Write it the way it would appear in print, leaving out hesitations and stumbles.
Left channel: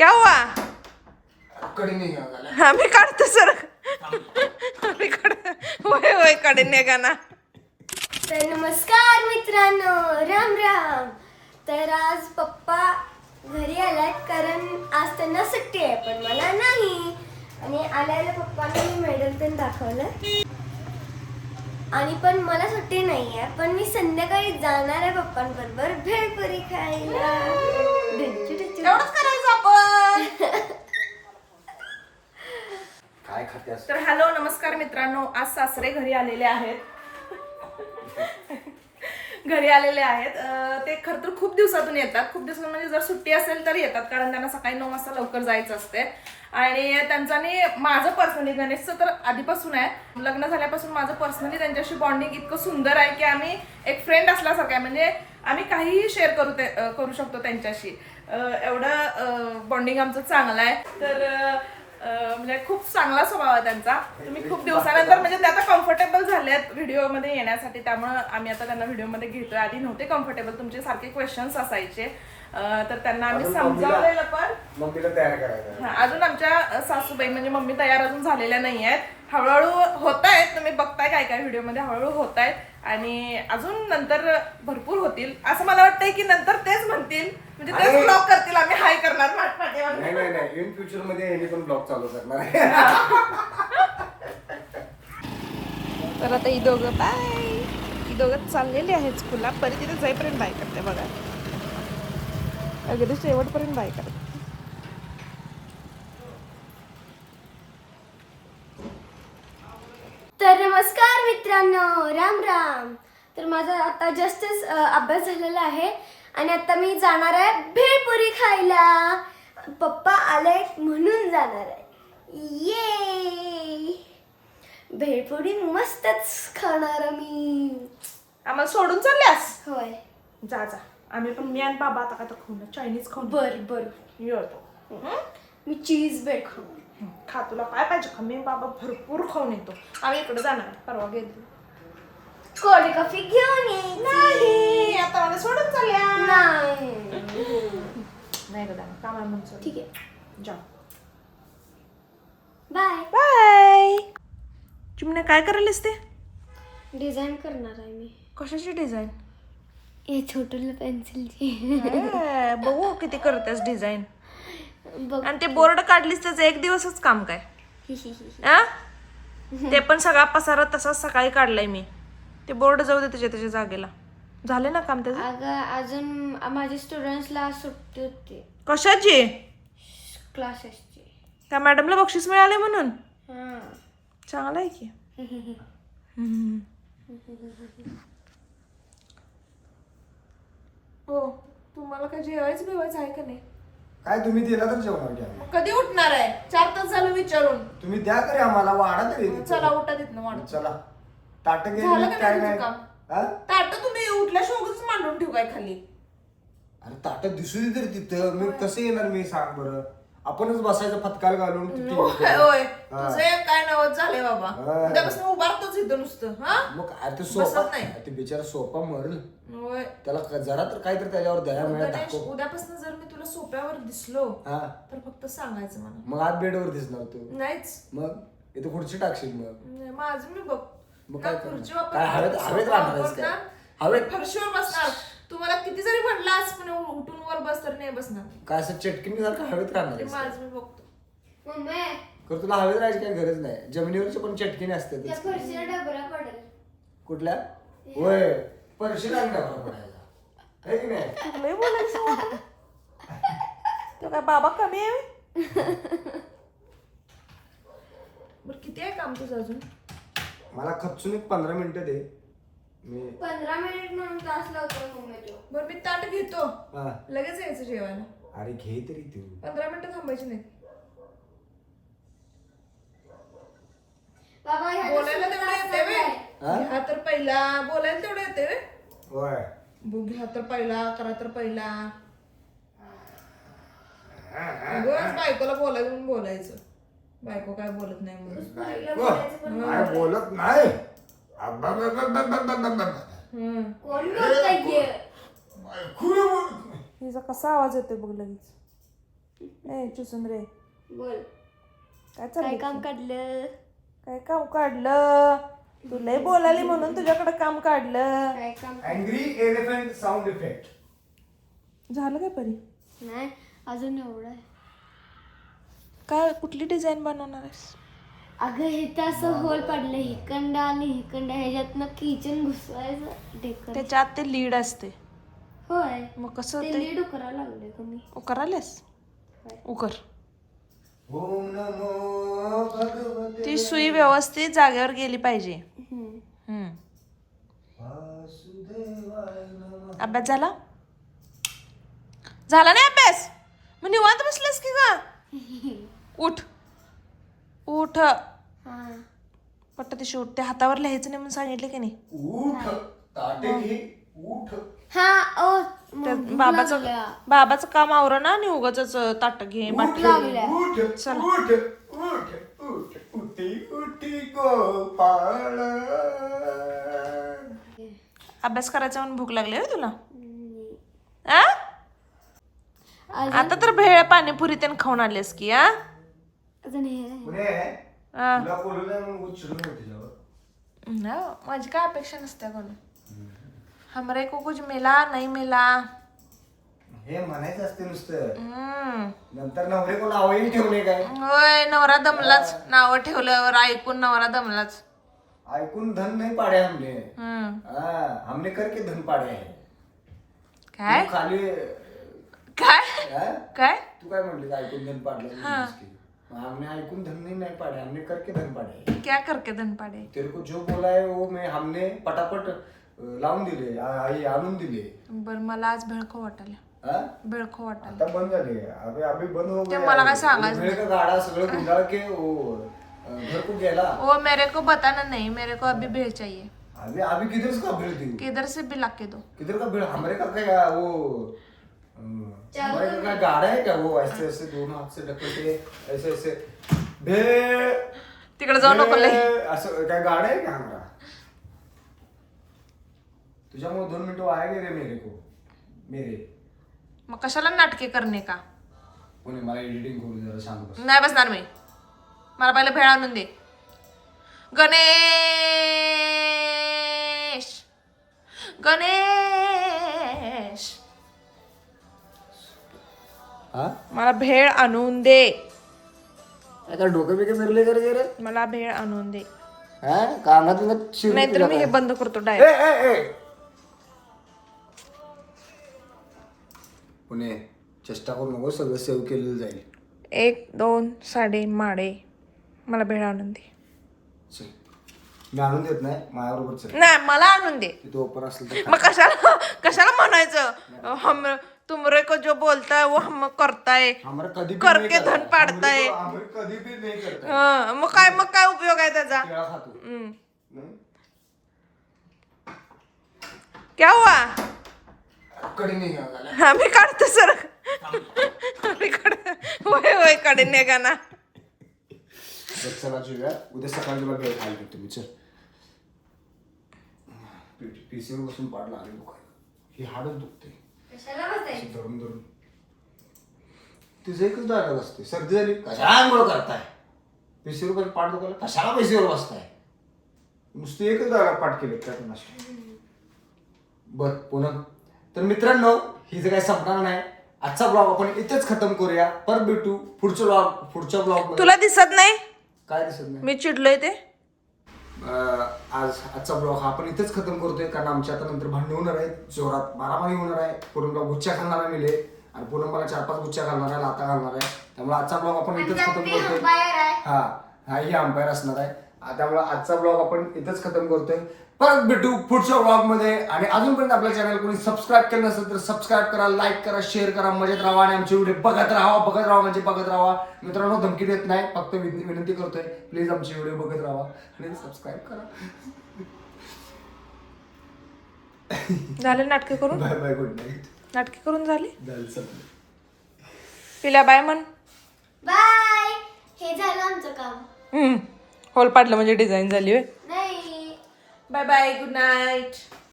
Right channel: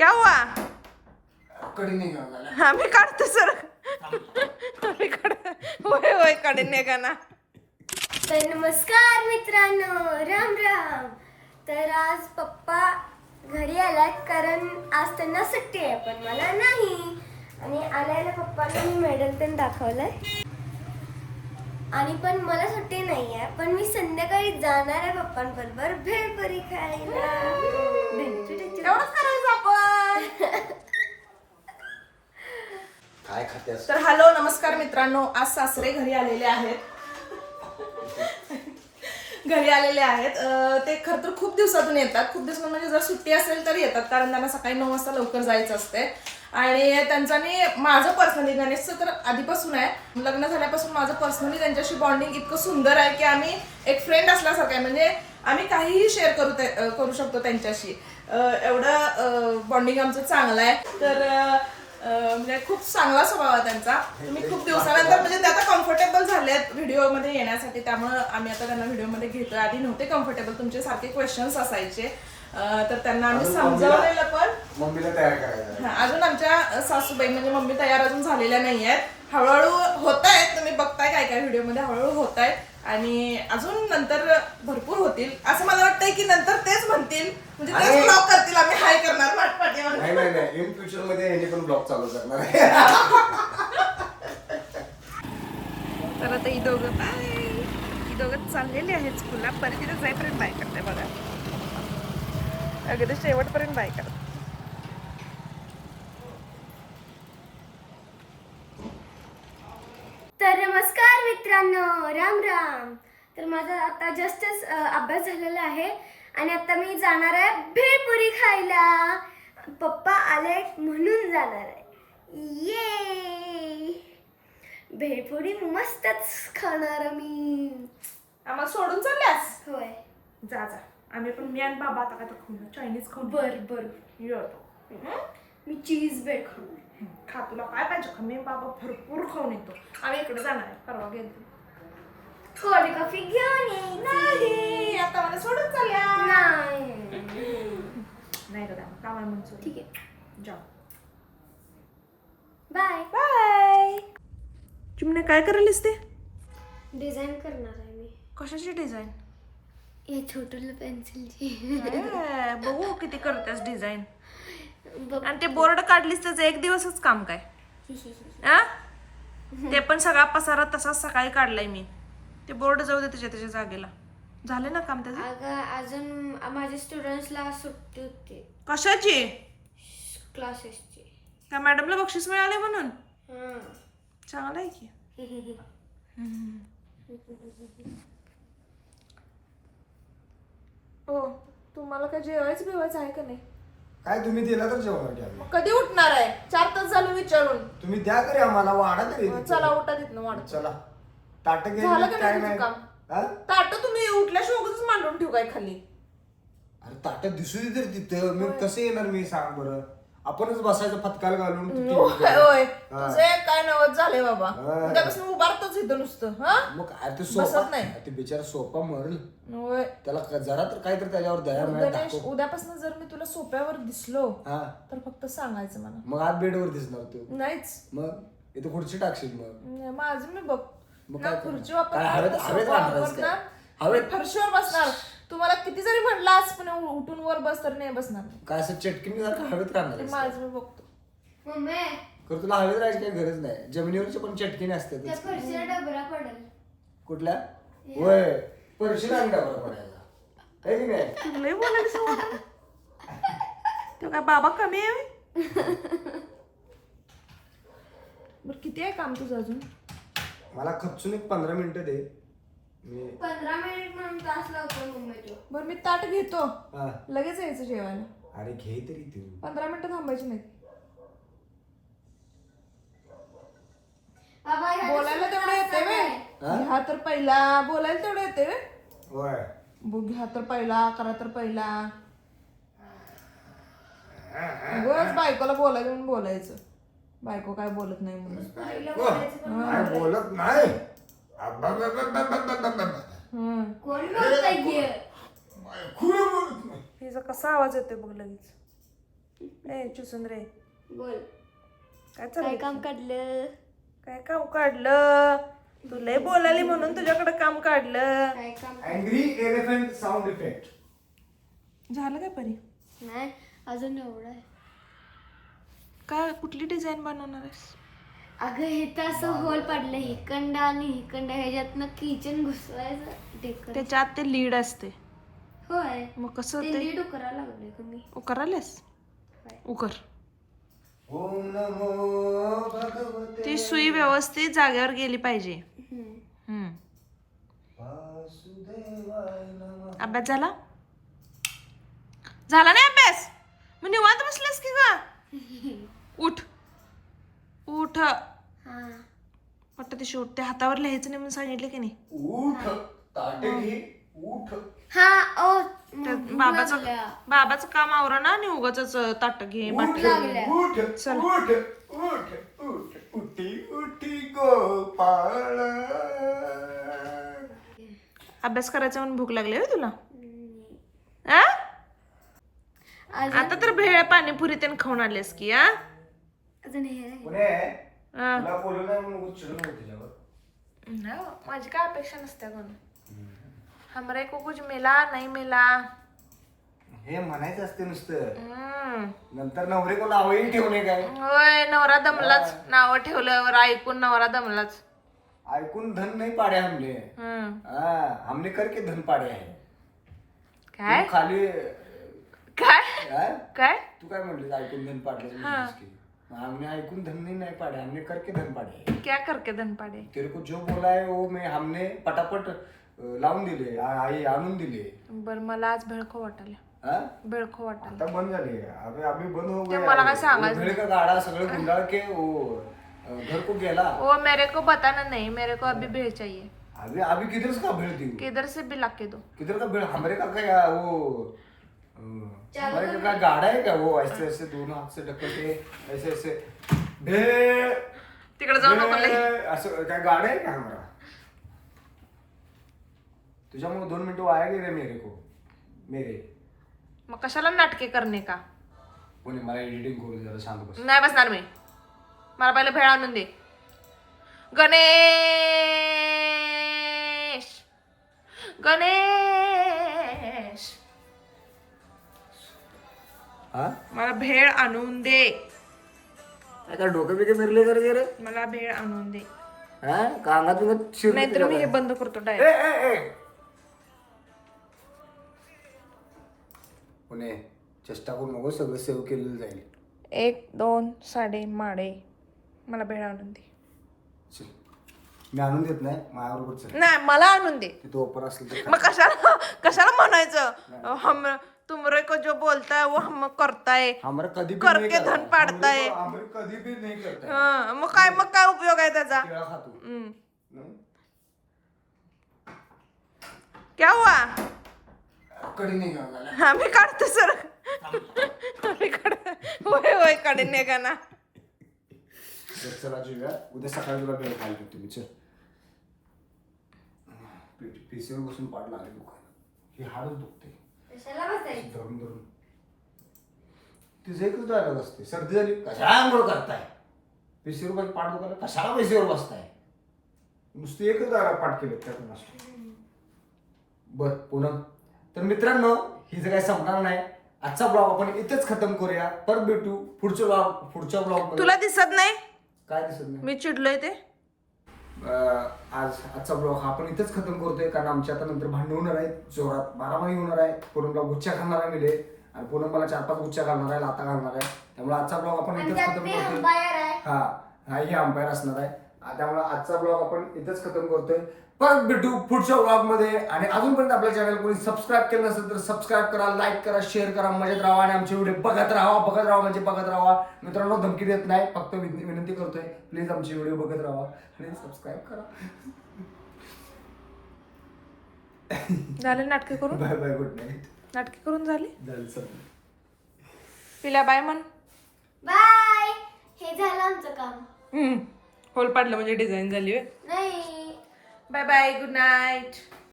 क्या हुआ? कडी निघा आम्ही काढतो सर. आम्ही होय होय कडे निघा ना. तर नमस्कार मित्रांनो, राम राम. तर आज पप्पा घरी आलात कारण आज त्यांना सुट्टी आहे पण मला नाही. आणि आल्याला पप्पाला मी मेडल पण दाखवलं आणि पण मला सुट्टी नाही आहे पण मी संध्याकाळी जाणार आहे पप्पांबरोबर भेळपुरी खायला. एवढंच करायचं आपण. काय खातेस? तर हॅलो नमस्कार मित्रांनो, आज सासरे घरी आलेले आहेत. घरी आलेले आहेत. ते खरं तर खूप दिवसातून येतात. खूप दिवसातून म्हणजे जर सुट्टी असेल तर येतात, कारण त्यांना सकाळी 9 वाजता लवकर जायचं असते. आणि त्यांचं आणि माझं पर्सनली, गणेशचं तर आधीपासून आहे, लग्न झाल्यापासून माझं पर्सनली त्यांच्याशी बॉन्डिंग इतकं सुंदर आहे की आम्ही एक फ्रेंड असल्यासारखं आहे. म्हणजे आम्ही काहीही शेअर करू शकतो त्यांच्याशी. एवढं बॉन्डिंग आमचं चांगलं आहे. तर म्हणजे खूप चांगला स्वभाव आहे त्यांचा. तुम्ही खूप दिवसानंतर म्हणजे ते आता कम्फर्टेबल झाले आहेत व्हिडिओमध्ये येण्यासाठी, त्यामुळे आम्ही आता त्यांना व्हिडिओमध्ये घेतोय. आधी नव्हते कम्फर्टेबल, तुमचे सारखे क्वेश्चन्स असायचे, तर त्यांना आम्ही समजावलेलं पण. मम्मीला तयार करायचं. अजून आमच्या सासूबाई म्हणजे मम्मी तयार अजून झालेल्या नाही आहेत. हळूहळू होत आहेत, तुम्ही बघताय काय काय व्हिडिओमध्ये हळूहळू होत आहेत आणि अजून नंतर भरपूर होतील असं मला वाटतंय की नंतर तेच म्हणतील, म्हणजे तेच ब्लॉग करतील, आम्ही हाय करणार पाठीमागे. नाही नाही नाही, इन फ्युचर मध्ये यांनी पण ब्लॉग चालू करणार आहे. तर आता ही दोघं चाललेली आहेत स्कूलला. परी तिथे जाईपर्यंत बाय करते बघा, अगदी शेवटपर्यंत बाय करते. तर नमस्कार मित्रांनो, राम राम. तर माझा आता जस्टच अभ्यास झालेला आहे आणि आता मी जाणार आहे भेळपुरी खायला. पप्पा आले म्हणून जाणार आहे. ये भेळपुरी मस्तच खाणार मी. आम्हाला सोडून चालल्यास? होय. जा जा, आम्ही पण मी आणि बाबा आता का खाऊ ना, चायनीज खाऊ. बर बर, येतो. मी चीज ब्रेड खाऊ. खा, तुला काय पाहिजे खा. मी बाबा भरपूर खाऊन येतो. आम्ही इकडे जाणार आहे, परवा गेलो. कोल्ड कॉफी घेऊन ये. नाही, आता मला सोडून चालल्या. नाही का जाणार, कामाला म्हणतो. ठीक आहे, जा. Bye bye. चिमणे काय करायलीस ते? डिझाईन करणार आहे मी. कशाची डिझाईन? हे छोटूला पेन्सिलची. बघू किती करतेस डिझाईन. बघ. आणि ते बोर्ड काढलीस त्याचं एक दिवसच काम काय? आ? ते पण सगळा पसारा तसाच सकाळी काढलाय मी. ते बोर्ड जाऊ दे त्याच्या जागेला. झाले ना काम त्याचं? अगं अजून माझ्या स्टुडंट्सला सुट्टी होती कशाची? क्लासेसची. त्या मॅडमला बक्षीस मिळाले म्हणून? हां. चांगलं आहे की. हो, तुम्हाला काय जेवायचं बिवायचं आहे का नाही? काय तुम्ही दिला तर जेवणार की आम्ही. कधी उठणार आहे? 4 तास झालं विचारून. तुम्ही द्या तरी आम्हाला, वाढा तरी. चला उठा तिथनं वाढ. चला ताट झालं घे. का काय नाही नाही तुझं काम? हा? ताट तुम्ही उठल्याशिवाय उगाचच मांडून ठेवू काय खाली? अरे ताट दिसू दे तर तिथं. मी कसं येणार मी, सांग बरं. आपणच बसायचं फतकाल घालून तिथे. होय, हा. तुझं काय नवत झालंय बाबा. हा. उद्यापासून उभारतोच इथं नुसतं. हा, मग ते सोफा बसत नाही. ते बिचारा सोफा मरल, होय. त्याला जरा तर काहीतरी त्याच्यावर दया मिळत गणेश, दाखव. उद्यापासून जर मी तुला सोप्यावर दिसलो हा, तर फक्त सांगायचं मला. मग आज बेडवर दिसणार तू. नाहीच. मग इथं खुर्ची टाकशील मग. नाही, माझं मी बघ मग ना, काय करणार? खुर्ची वापरणार, काय हवेत राहणार आहेस वापरणार, काय? हवेत फरशीवर बसणार. तुम्हाला किती जरी म्हटलं आज पण उठून वर बस तर नाही बसणार. काय असं चटकीने सारखं हवेत राहणार ते आहेस माझं मी बघतो. मम्मी, कर, तुला हवेत राहायची काही गरज नाही. जमिनीवरचे पण चटकीने असते. त्या फरशीला डबरा पडेल. कुठल्या? होय, परशी नाही का पडायला, है की नाही? तुला लय बोलायचं मला. तो काय बाबा कमी आहे? बरं, किती आहे काम तुझं अजून? मला खचून एक 15 मिनिटं दे. मी 15 मिनिट म्हणून तास लावतो मम्मी तो. बरं, मी ताट घेतो, हा. लगेच यायचं जेवायला. अरे घे तरी तू. 15 मिनिटं थांबायची नाही. बाबा ह्या बोलायला तेवढं येते वे. हा? घ्या तर पहिला, बोलायला तेवढं येते वे. होय. घ्या तर पहिला, करा तर पहिला. उगाच बायकोला बोलायचं म्हणून बोलायचं. बायको काय बोलत नाही म्हणून. काय बोलत नाही. कोण बोलतंय? हिचा कसा आवाज येतोय बघ लगेच. नाही चुसुंद्रे बोल काय काय चाललंय? काम काढलं? काय काम काढलं? तू लय बोलाली म्हणून तुझ्याकडे काम काढलं. काय काम अँग्री एलिफंट साऊंड इफेक्ट. झालं काय परी? नाही अजून एवढं आहे. काय कुठली डिझाईन बनवणार आहेस? अगं हे तर असं होल पडलं हिकंड आणि हिकंड ह्याच्यातनं किचन घुसवायचं डेकर. त्याच्यात ते लीड असते. होय मग कसं ते ते नीट उकरायला लागले का मी. उकरालेस? उकर. ओम नमो भगवते ती सुई व्यवस्थित जागेवर गेली पाहिजे. हम्म. वासुदेवाय नमः. अभ्यास झाला? झाला नाही अभ्यास? मग निवांत बसलेस की का? उठ उठ हा पट्ट ते शेवट त्या हातावर लिहायचं नाही म्हणून सांगितले की नाही? उठ ताटे घे उठ. हा ओ त्या बाबाचं काम आवरण ना आणि उगाच ताट घे बाट घे. लागल्या. उठ उठ उठ उठ उठी उठी गोपाळ. अभ्यास करायचा म्हणून भूक लागली होय तुला? आ? आता तर भेळ पाणीपुरी त्यानं खाऊन आलेस की आ? अजून हे पुणे आ. तुला बोलू ना म्हणून उचलून तुझ्यावर. ना, माझी काय अपेक्षा नसते कोण. हमरे को कुछ मिला नाही मिला. हे म्हणायचं असते नुसतं. हम्म. नंतर नवरे कोण आवडीने ठेवणे काय? होय नवरा दमलाच. नाव ठेवल्यावर ऐकून नवरा दमलाच. ऐकून धन नाही पाडे हमने. हम्म. हमने करके धन पाडे आहे. काय तू खाली काय काय? काय तू काय म्हणली ऐकून धन पाडलं? हमने ऐकून धन नहीं पाडे, हमने करके धन पाडे. क्या करके धन पाडे? तेरे को जो बोला है वो मैं हमने पटापट लावून दिले, आई आणून दिले. बर मला आज भेळखो वाटायला. हाँ? भेळखो वाटायला. आता बंद झाली है. अभी बंद हो ते गया. मला काय सांगायचं भेळ का गाडा सगळे गुंडाळ के वो घर को गेला. ओ मेरे को बताना नहीं, मेरे को अभी भेळ चाहिए. अभी किधर से का भेड़ दी? किधर से भी ला के दो. किधर का भेड़? हमारे का क्या वो हमारे का क्या गाड़ा है क्या? वो ऐसे ऐसे दोनों हाथ से ढकलते ऐसे ऐसे भेड़. तिकडे जाऊ नको लय. असं काय गाड़ा है क्या हमारा? तुझ्यामुळे 2 मिनिटं वाया गेले मेरे. मग कशाला नाटके करणे का? कोणी मला एडिटिंग करू जरा सांग बस. नाही बसणार मी. मला पहिले भेळ आणून दे. गणेश हा? मला भेळ आणून दे. काय डोकं बिकं फिरले कर रे? मला भेळ आणून दे. हा? कांगात नाहीतर मी हे बंद करतो डायरेक्ट. पुणे चेष्टा करू नको, सगळं सेव्ह केलेलं जाईल. 1 2 साडे माडे मला भेळ आणून दे. चल. मी आणून देत नाही माझ्याबरोबर चल. नाही मला आणून दे. तिथं ओपन असेल तर मग कशाला म्हणायचं? हम तुमरे को जो बोलता है वो हम करताय. हमारे कधी भी करके नहीं करता. धन पाडताय. हमारे कधी भी नहीं करता. हं, मग काय उपयोग आहे त्याचा? केळा खातो. हम्म. हं? क्या हुआ? कडी नाही घालायला. आम्ही काढतो सर. आम्ही काढ होय काढे नाही का ना. चला जुया उद्या सकाळी तुला भेळ खायला देतो मी. चल पीसीवर बसून पाड लागले दुखायला. हे हाडच दुखते धरून धरून. तुझं एकच डायलॉग असते. सर्दी झाली कशामुळे करताय? पीसीवर बसून पाठ दुखायला कशाला पीसीवर बसताय? नुसती एकच डायलॉग पाठ केले त्या नसतो. बर पूनम. तर मित्रांनो ही जे काही संपणार नाही. आजचा ब्लॉग आपण इथेच खतम करूया. परत भेटू पुढच्या ब्लॉग. तुला दिसत नाही? काय दिसत नाही? मी चिडलोय ते. आजचा ब्लॉग हा आपण इथेच खतम करतोय कारण आमच्या आता नंतर भांडण होणार आहे. जोरात मारामारी होणार आहे. पूनमला गुच्छा घालणार आहे मिले आणि पूनम मला 4-5 गुच्छा घालणार आहे, लाता घालणार आहे. त्यामुळे आजचा ब्लॉग आपण इथेच खतम करतोय. हा ही अंपायर असणार आहे. त्यामुळे आजचा ब्लॉग आपण इथेच खतम करतोय. परत भेटू पुढच्या ब्लॉग मध्ये. आणि अजूनपर्यंत आपल्या चॅनल कोणी सबस्क्राईब केलं नसेल तर सबस्क्राईब करा, लाईक करा, शेअर करा, मजेत राहा आणि आमचे व्हिडिओ बघत राहा म्हणजे बघत राहा. मित्रांनो धमकी देत नाही, फक्त विनंती करतोय प्लीज आमचे व्हिडिओ बघत राहा आणि सबस्क्राईब करा. झाले नाटके करून? Bye bye, good night. नाटके करून झाले? झालं. पिल्या बाय म्हण. बाय. हे झालं आमचं काम. होल पाडलं म्हणजे डिझाईन झाली. नाही बाय बाय, गुड नाईट.